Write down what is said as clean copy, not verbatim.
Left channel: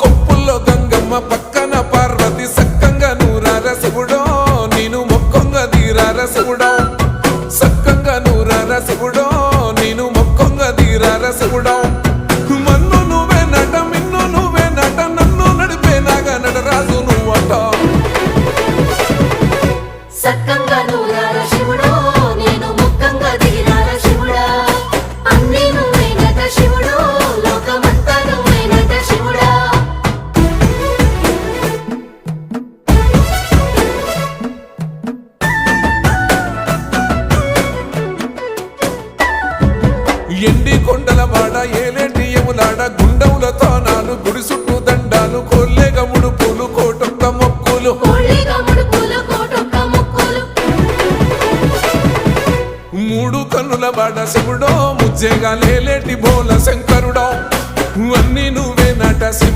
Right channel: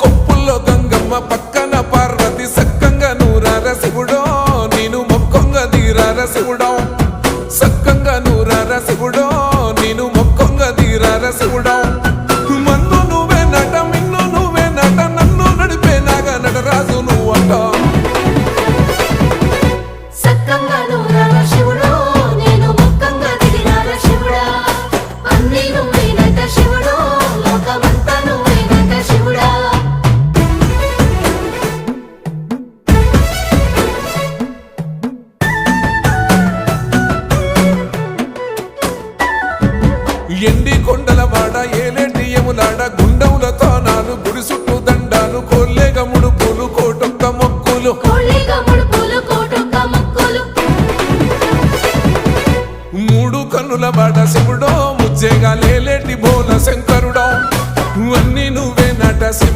కొప్పుల్లో గంగమ్మ పక్కన పార్వతి సక్కంగా నూరార శివుడో నేను మొక్కంగా తీరార శివుడో సక్కంగా నూరార శివుడో నేను మొక్కంగా తీరార శివుడో మన్ను నువ్వే నట మిన్ను నువ్వే నట నన్ను నడిపే నాగా నటరాజు నువ్వట ఎండి కొండల వాడ ఏలేటి యములాడ గుండముల తానాలు గుడి చుట్టూ దండాలు కోల్లేగ ముడుపులు కోటొక్క మొక్కులు మూడు కన్నుల వాడ శివుడో ముజ్జేగా లేలేటి బోల శంకరుడో అన్నీ నువ్వే నట శివ